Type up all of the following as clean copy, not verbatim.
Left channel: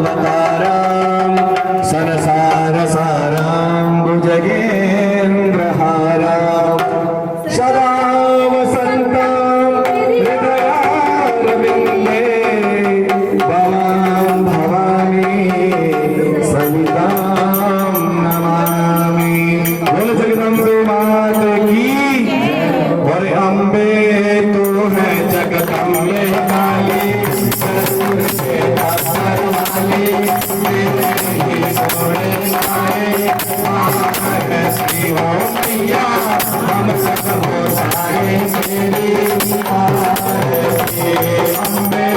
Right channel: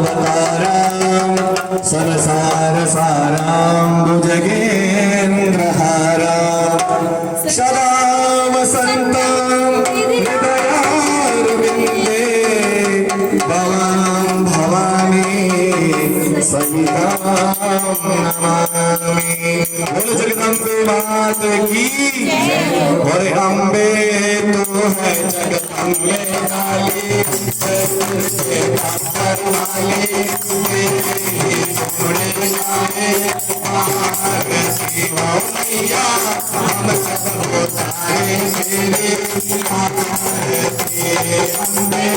रामावतारां संसारसारां भुजगेन्द्रहारां सदा वसन्तां हृदयारविन्दे भवां भवानी सवितां नमामि। बोलो जगदम्बे मात की और अम्बे तू है जगदम्बे वाली जरूर के पार वाली मेरे ही सोने वाले आरती हो मैया हम सब हो जाए मेरी आरती अम्बे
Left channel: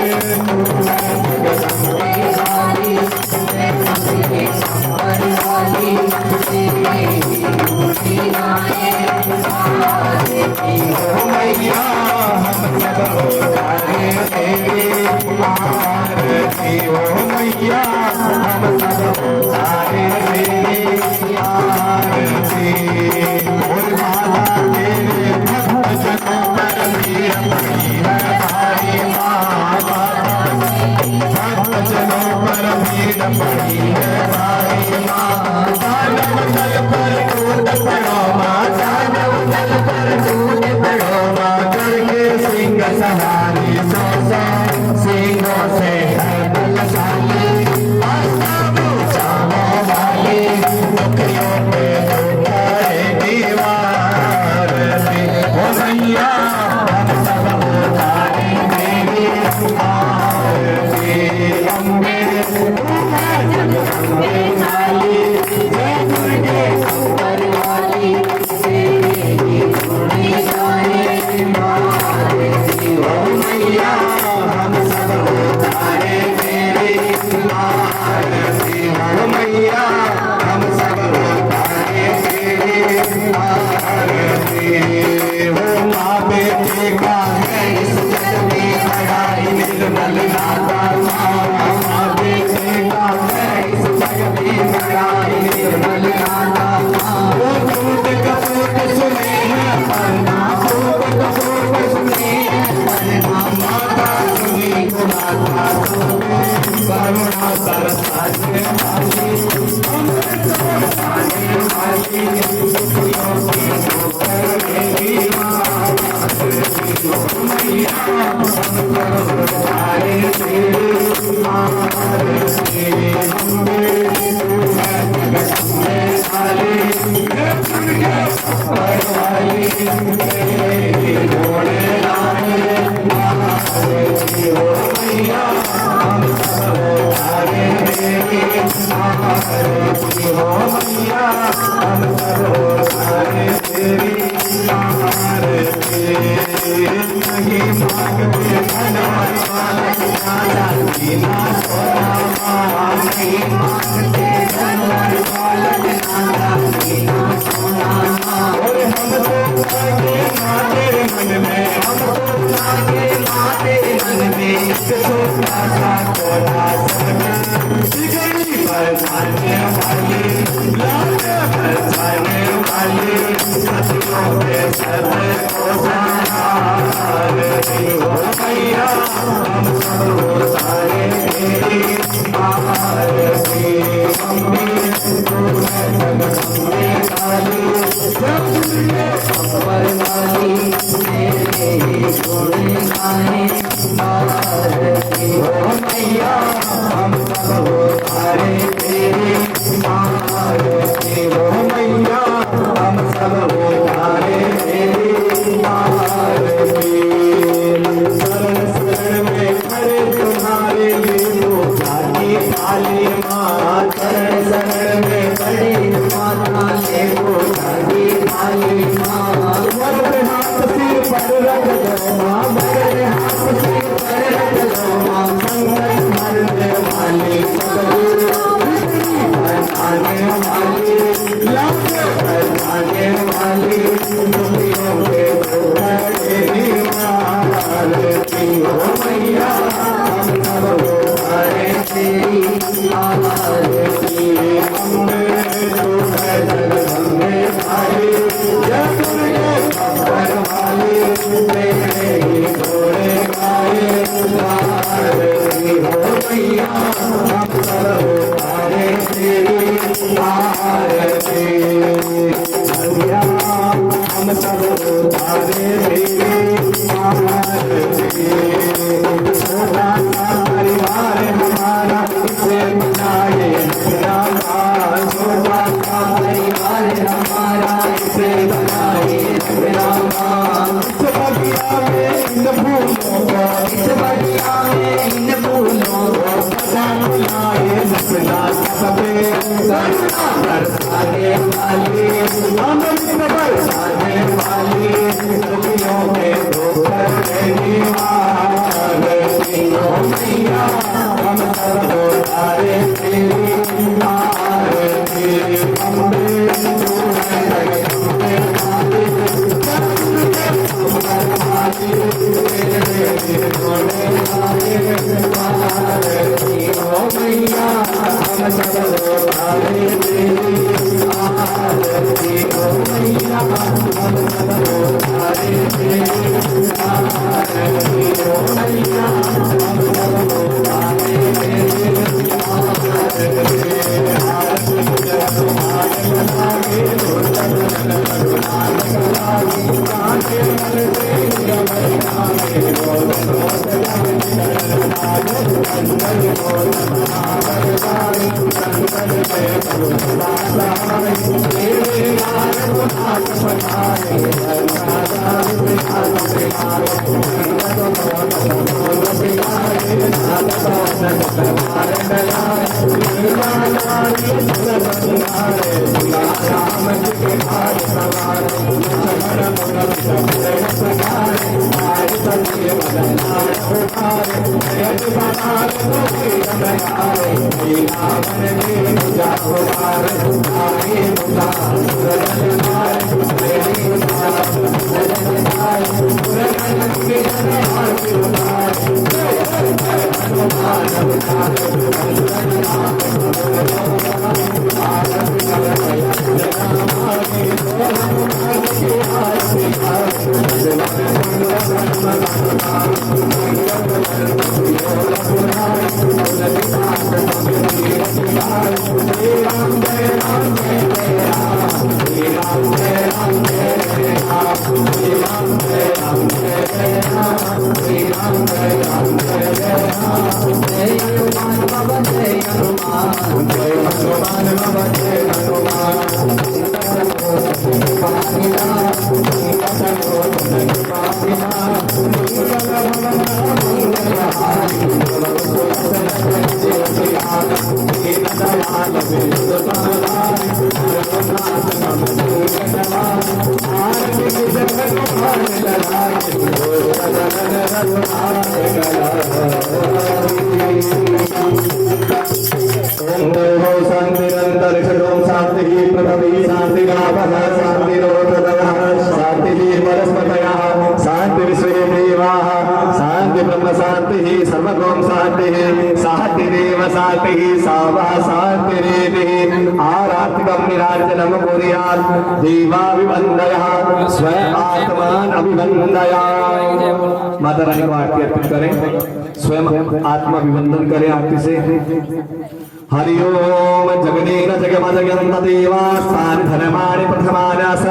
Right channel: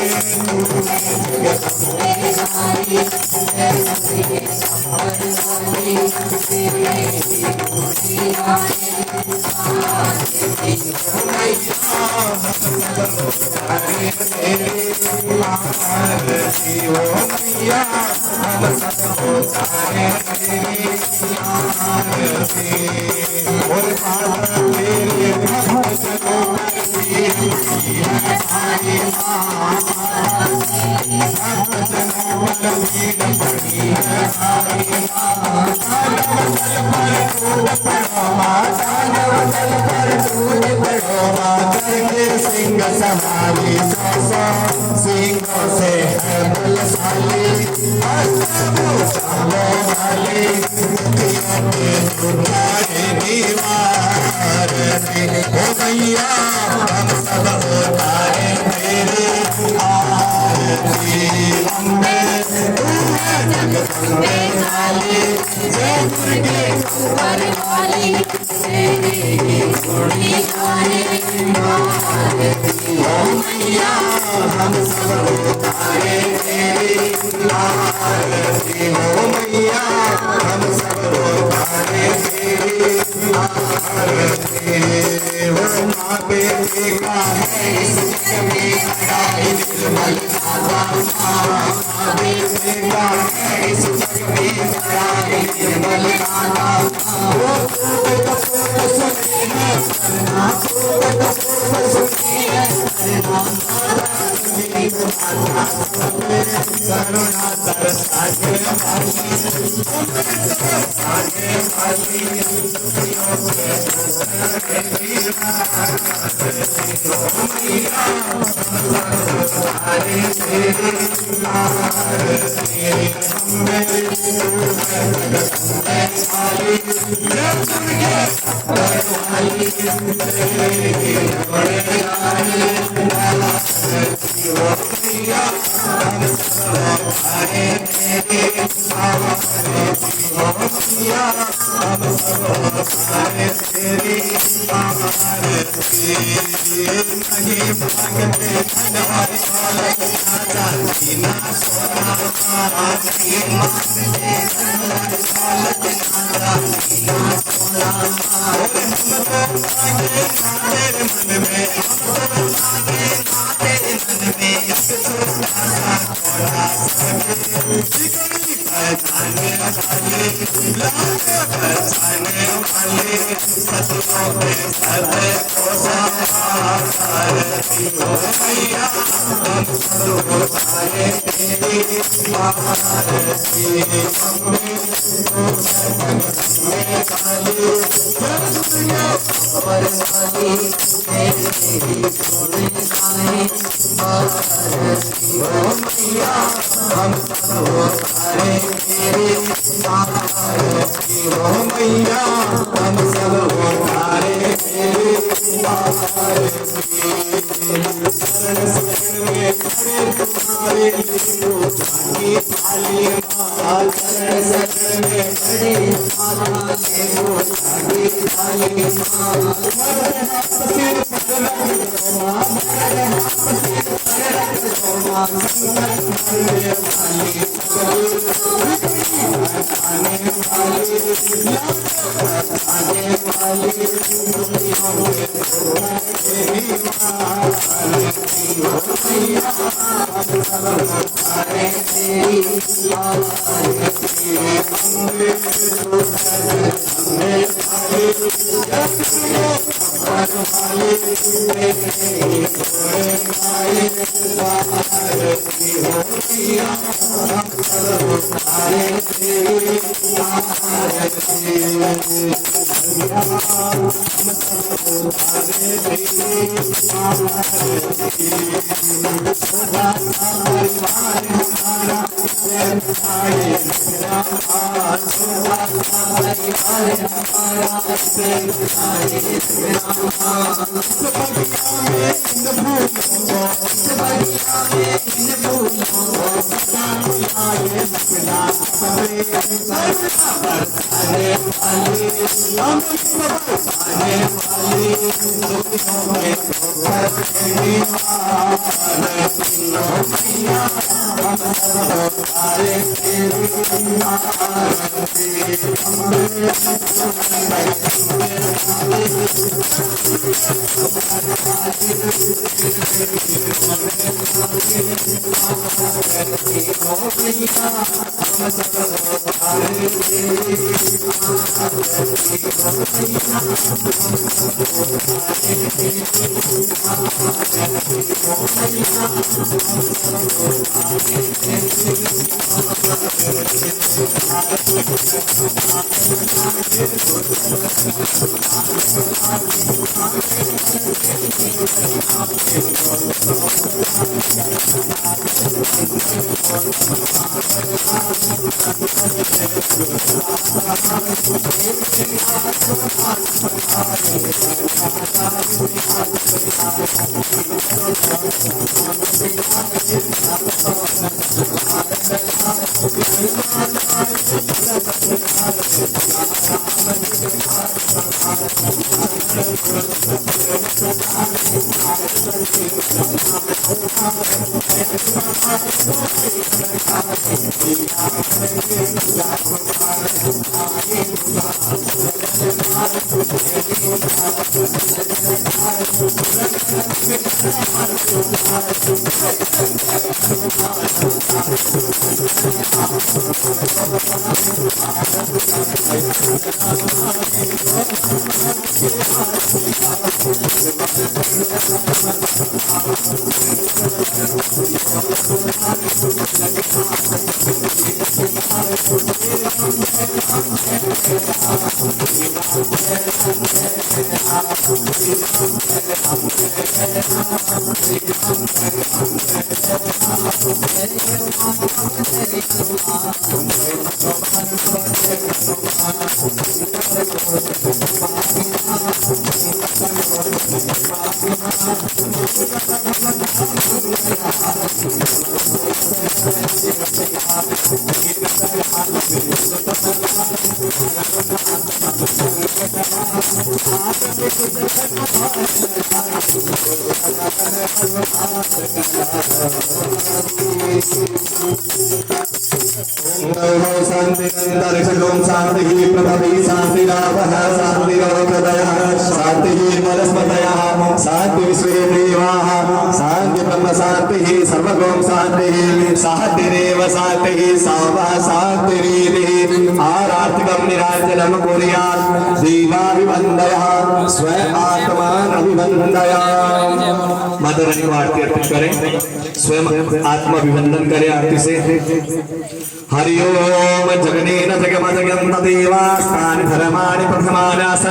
तू है जगदम्बे वाली आरती हो मैया हम सब हो जाए मेरी आरती और माता तेरे भक्तों पर वीर मैया हमारी माता भक्तों पर वीर मैया हमारी माता नवदल पर टूट पड़ो माता नवदल पर टूट पड़ो माता के सिंह सवारी सौसा सिंहों से है बलशाली आसामो जामो वाली दुखियों पे उठाए दीवार में ओ मैया हम सब उतारे मेरे आरती अम्बे तू है जगदम्बे वाली जय दुर्गे ऊपर वाली तेरे ही गुण गाए आरती ओ मैया हम सब उतारे मेरे आरती हो मैया हम सब उतारे मेरे आरती हो माँ बेटे का है इस जग में बड़ा ही निर्मल नाता माँ बेटे का है इस जग में बड़ा ही निर्मल नाता वो टूट कपूर सुने है परना टूट कपूर सुने है परना माँ बाप जी को माता करुणा तरसाए बुलाए नचना सबे बरसाने वाली अमृत बरसाने वाली दुनियों में तो सरगी तीनों मैया हम सब तारे तेरी आरती अम्बे माता रानी को आरती अर्पित करें, स्वयं आत्माभिवंदन करें आरती से। हरि ओम जगनेन जगमजगन्त देवास्तानि धर्माणि प्रथमानि